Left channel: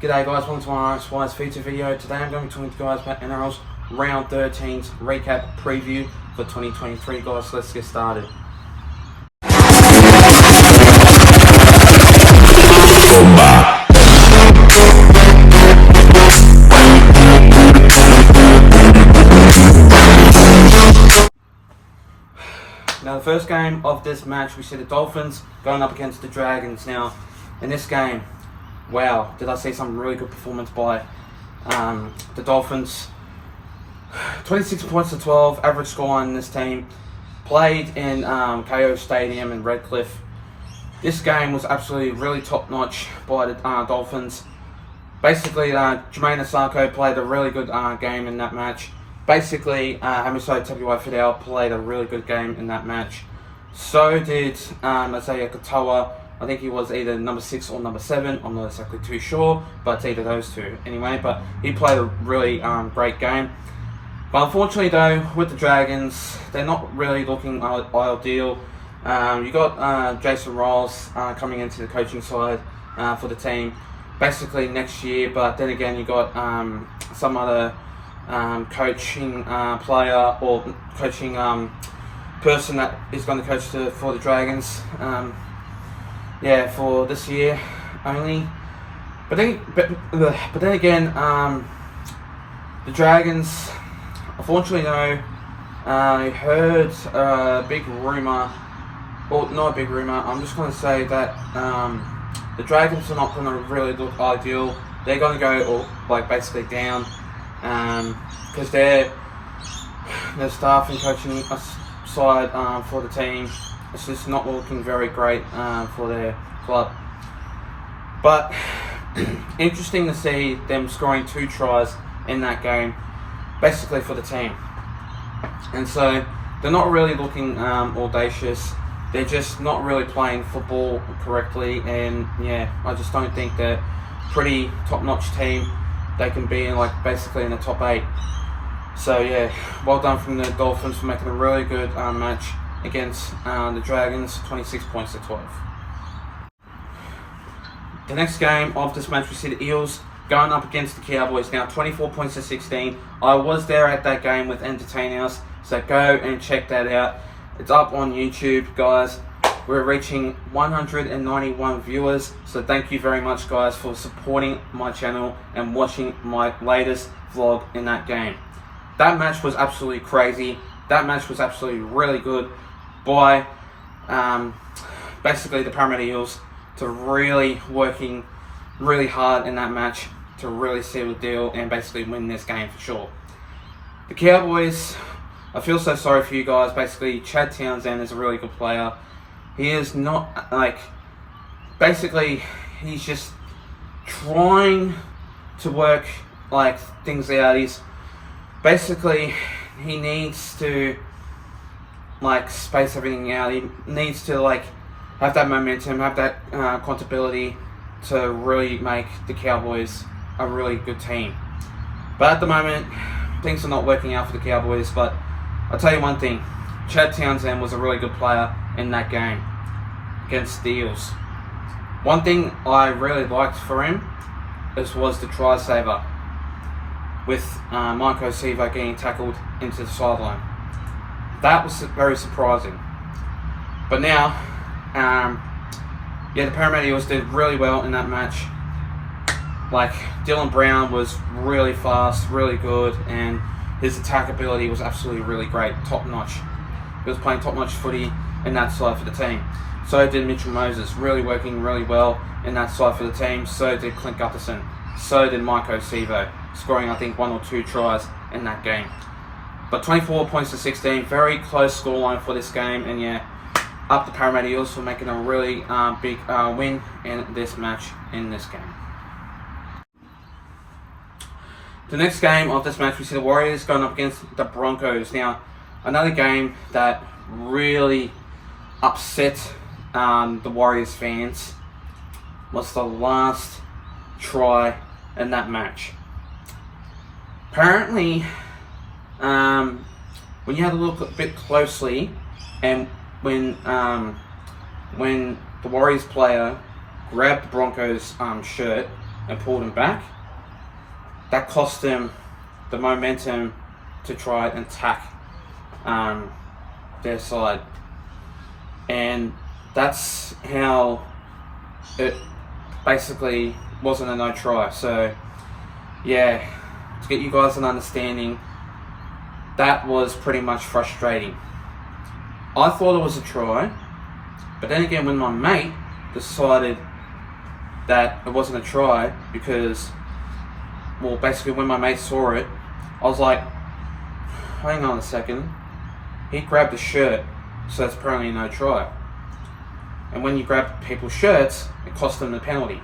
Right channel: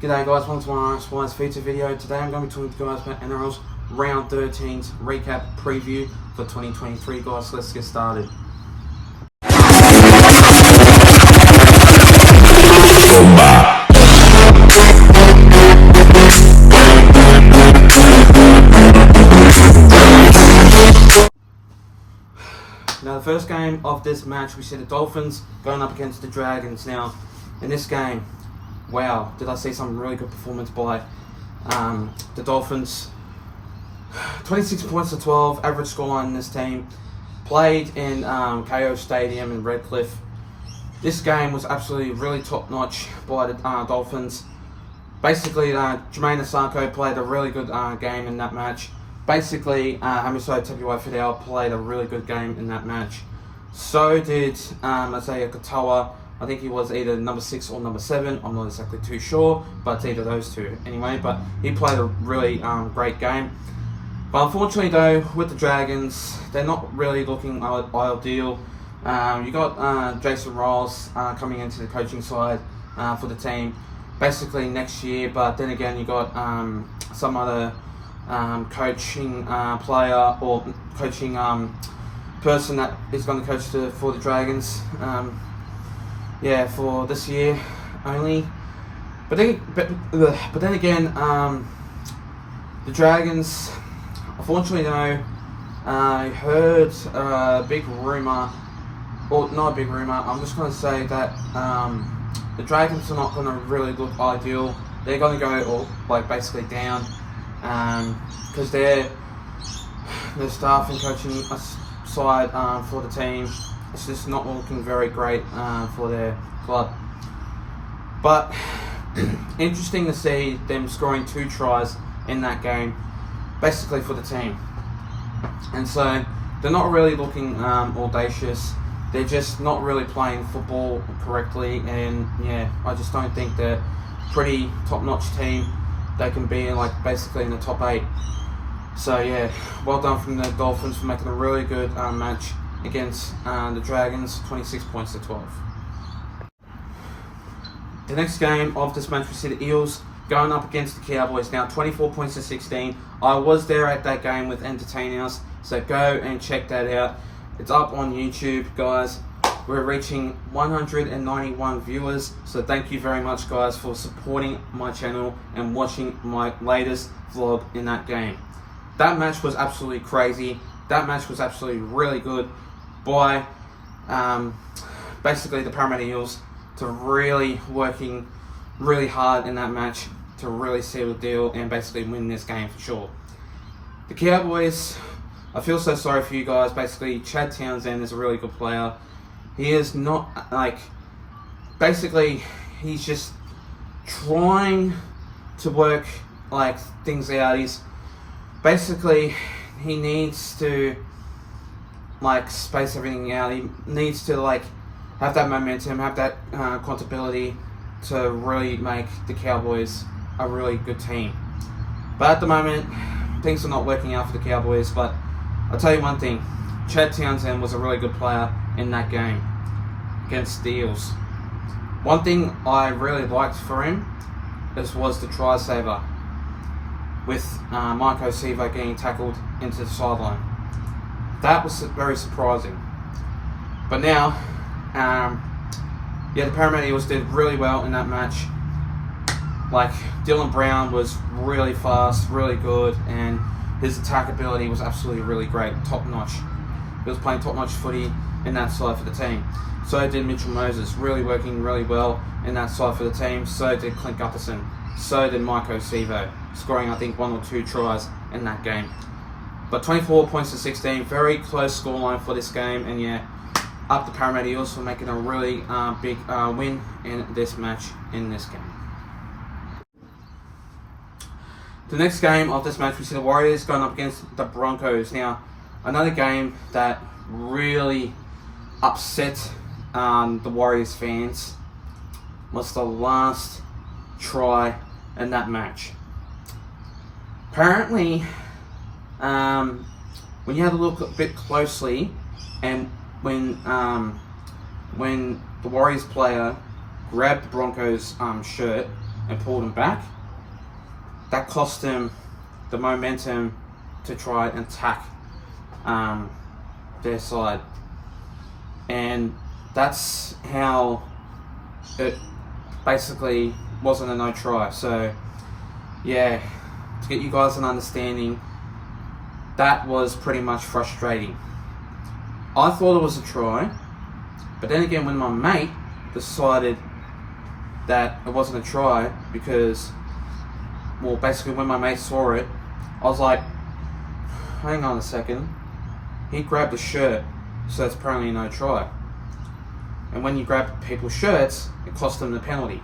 G'day guys, welcome to my Spies feature video. Today I'm going to be talking to you guys about NRL's Round 13's recap preview for 2023 guys, so let's get started. Now the first game of this match, we see the Dolphins going up against the Dragons. Now in this game, wow, did I see some really good performance by the Dolphins. 26 points to 12, average scoreline in this team. Played in KO Stadium in Redcliffe. This game was absolutely really top notch by the Dolphins. Basically, Jermaine Asako played a really good game in that match. Basically, Hamiso Tabuai-Fidow played a really good game in that match. So did Isaiah Katoa. I think he was either number 6 or number 7. I'm not exactly too sure, but it's either those two anyway. But he played a really great game. But unfortunately, though, with the Dragons, they're not really looking ideal. You got Jason Riles coming into the coaching side for the team, basically next year. But then again, you got some other coaching player or coaching person that is going to coach for the Dragons. For this year only. But then again, the Dragons, unfortunately though, I heard a big rumor, or not a big rumor, I'm just going to say that the Dragons are not going to really look ideal. They're going to go basically down because their staff and coaching side for the team, it's just not looking very great for their club. But interesting to see them scoring 2 tries in that game, basically for the team. And so they're not really looking audacious. They're just not really playing football correctly. And yeah, I just don't think they're pretty top-notch team. They can be in basically in the top 8. So yeah, well done from the Dolphins for making a really good match against the Dragons, 26 points to 12. The next game of this match, we see the Eels going up against the Cowboys. Now 24 points to 16. I was there at that game with Entertain House, so go and check that out. It's up on YouTube, guys. We're reaching 191 viewers, so thank you very much, guys, for supporting my channel and watching my latest vlog in that game. That match was absolutely crazy. That match was absolutely really good by basically the Parramatta Eels to really working really hard in that match to really seal the deal and basically win this game for sure. The Cowboys, I feel so sorry for you guys. Basically, Chad Townsend is a really good player. He is not basically he's just trying to work things out. He's basically, he needs to space everything out. He needs to have that momentum, have that accountability to really make the Cowboys a really good team. But at the moment, things are not working out for the Cowboys. But I'll tell you one thing, Chad Townsend was a really good player in that game against the Eels. One thing I really liked for him was the try saver with Mike Osivo getting tackled into the sideline. That was very surprising. But now, the Parramatta Eels did really well in that match. Dylan Brown was really fast, really good, and his attack ability was absolutely really great, top notch. He was playing top notch footy in that side for the team. So did Mitchell Moses, really working really well in that side for the team. So did Clint Gutherson. So did Mike Osivo, scoring I think 1 or 2 tries in that game. But 24 points to 16, very close scoreline for this game, and yeah, up the Parramatta Eels for making a really big win in this match in this game. The next game of this match, we see the Warriors going up against the Broncos. Now, another game that really upset the Warriors fans was the last try in that match. Apparently, when you have a look a bit closely, and when the Warriors player grabbed the Broncos shirt, and pulled him back, that cost him the momentum to try and attack their side. And that's how it basically wasn't a no try. So yeah, to get you guys an understanding, that was pretty much frustrating. I thought it was a try, but then again, when my mate decided that it wasn't a try, because, well, basically when my mate saw it, I was like, hang on a second, he grabbed the shirt, so that's apparently no try. And when you grab people's shirts, it cost them the penalty.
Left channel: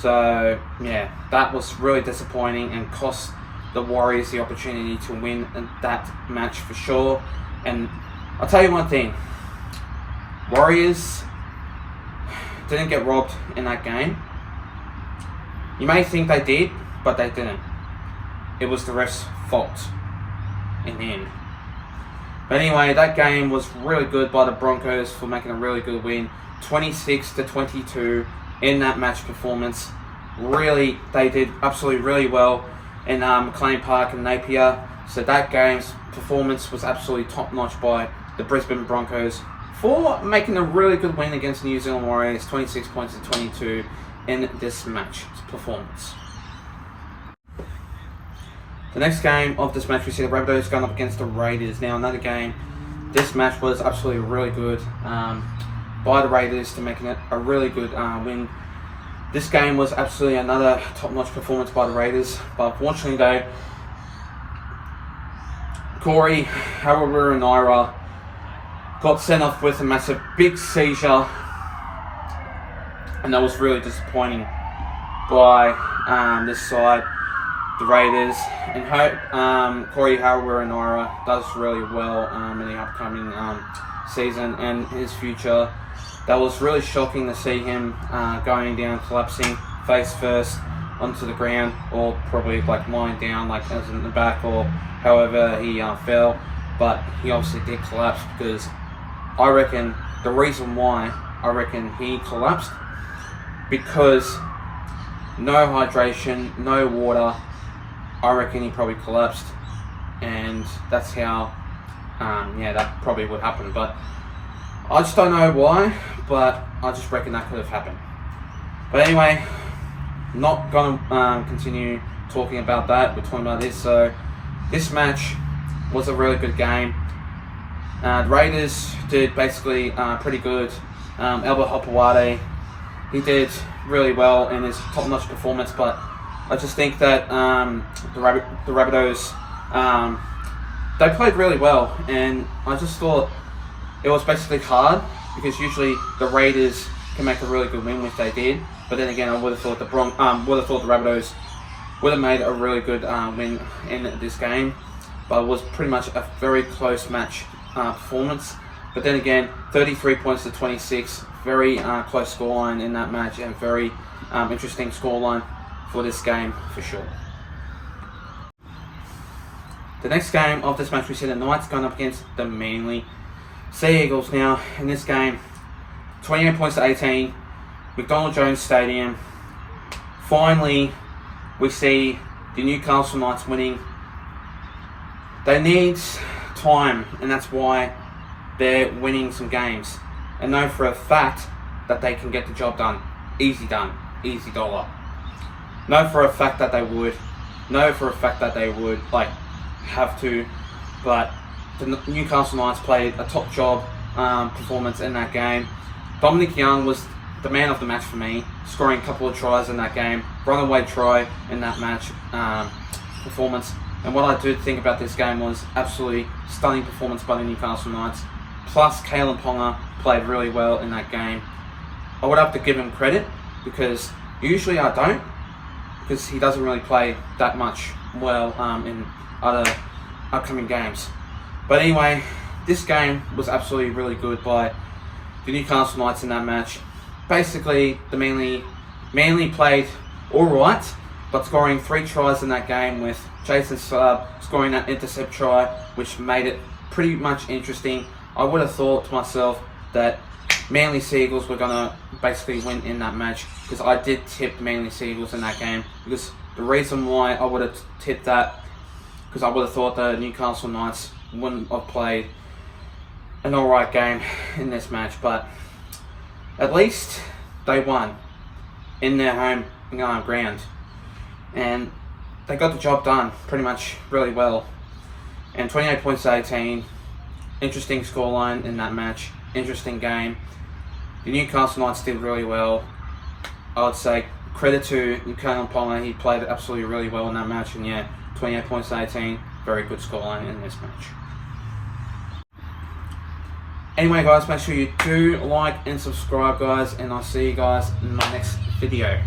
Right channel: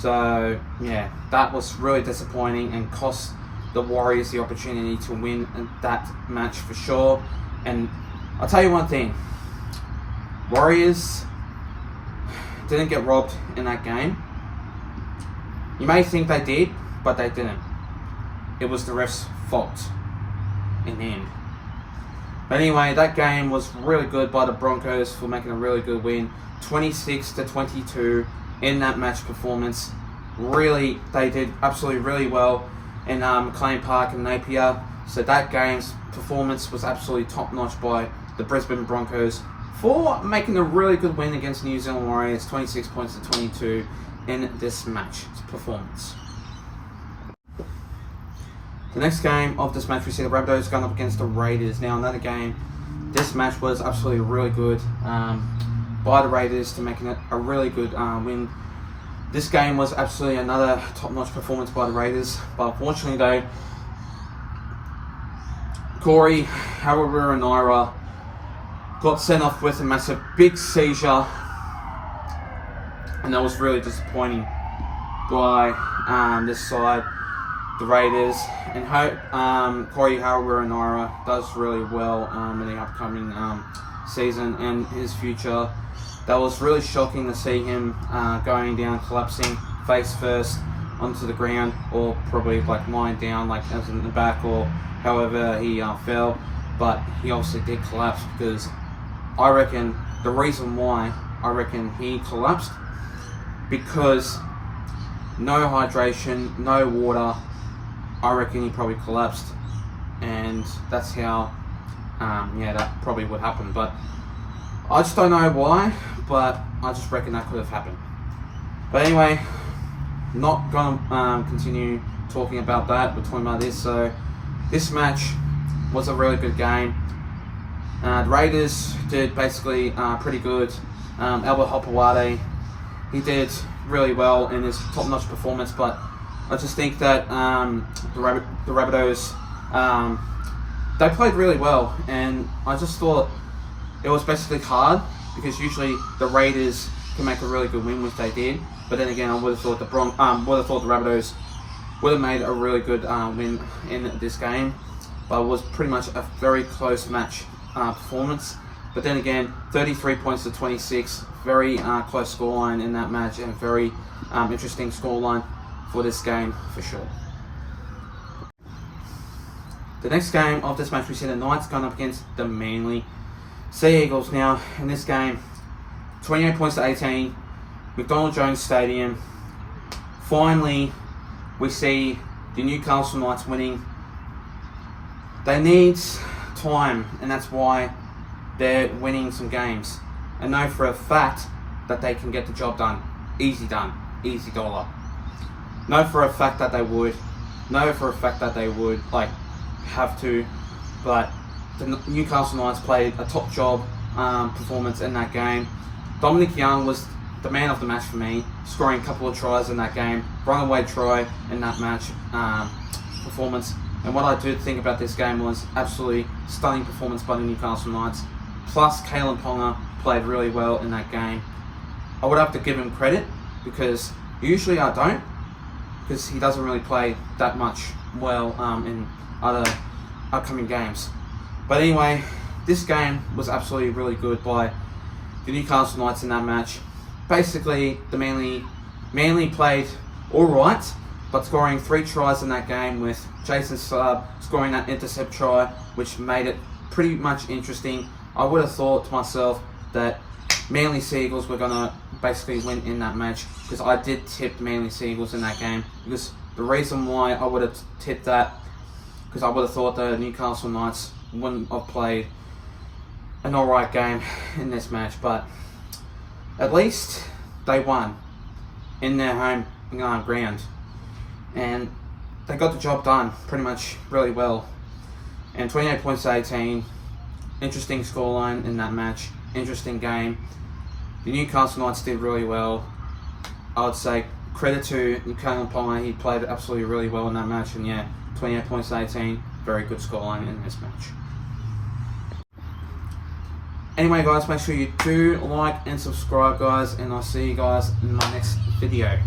So yeah, that was really disappointing and cost the Warriors the opportunity to win that match for sure. And I'll tell you one thing, Warriors didn't get robbed in that game. You may think they did, but they didn't. It was the ref's fault in the end. But anyway, that game was really good by the Broncos for making a really good win. 26-22 in that match performance. Really, they did absolutely really well in McLean Park and Napier. So that game's performance was absolutely top-notch by the Brisbane Broncos for making a really good win against the New Zealand Warriors, 26 points to 22 in this match performance. The next game of this match, we see the Rabbitohs going up against the Raiders. Now, another game, this match was absolutely really good by the Raiders to making it a really good win. This game was absolutely another top-notch performance by the Raiders, but unfortunately though, Corey Harawira got sent off with a massive big seizure, and that was really disappointing by this side, the Raiders. And hope Corey Harawira does really well in the upcoming season and his future. That was really shocking to see him going down, collapsing face first onto the ground, or probably like lying down, like as in the back, or however he fell. But he obviously did collapse, because I reckon the reason why I reckon he collapsed, because no hydration, no water. I reckon he probably collapsed, and that's how that probably would happen. But I just don't know why, but I just reckon that could have happened. But anyway, not gonna continue talking about that. We're talking about this. So this match was a really good game. The Raiders did basically pretty good. Albert Hopewade, he did really well in his top-notch performance, but I just think that the Rabbitohs, they played really well, and I just thought it was basically hard, because usually the Raiders can make a really good win, which they did. But then again, I would have thought the Rabbitohs would have made a really good win in this game. But it was pretty much a very close match performance. But then again, 33 points to 26, very close scoreline in that match, and very interesting scoreline for this game for sure. The next game of this match, we see the Knights going up against the Manly Sea Eagles. Now, in this game, 28 points to 18, McDonald Jones Stadium. Finally, we see the Newcastle Knights winning. They need time, and that's why they're winning some games. I know for a fact that they can get the job done, easy dollar. Know for a fact that they would. Know for a fact that they would have to, but the Newcastle Knights played a top job performance in that game. Dominic Young was the man of the match for me, scoring a couple of tries in that game, runaway try in that match performance. And what I do think about this game was absolutely stunning performance by the Newcastle Knights. Plus, Kalen Ponga played really well in that game. I would have to give him credit, because usually I don't, because he doesn't really play that much well in other upcoming games. But anyway, this game was absolutely really good by the Newcastle Knights in that match. Basically, the Manly played alright, but scoring 3 tries in that game, with Jason Saab scoring that intercept try, which made it pretty much interesting. I would have thought to myself that Manly Seagulls were going to basically win in that match, because I did tip the Manly Seagulls in that game. Because the reason why I would have tipped that, because I would have thought the Newcastle Knights wouldn't have played an alright game in this match, but at least they won in their home ground, and they got the job done pretty much really well. And 28 points to 18, interesting scoreline in that match, interesting game. The Newcastle Knights did really well. I would say credit to Kalen Ponga, he played absolutely really well in that match, and yeah, 28 points to 18, very good scoreline in this match. Anyway guys, make sure you do like and subscribe guys, and I'll see you guys in my next video.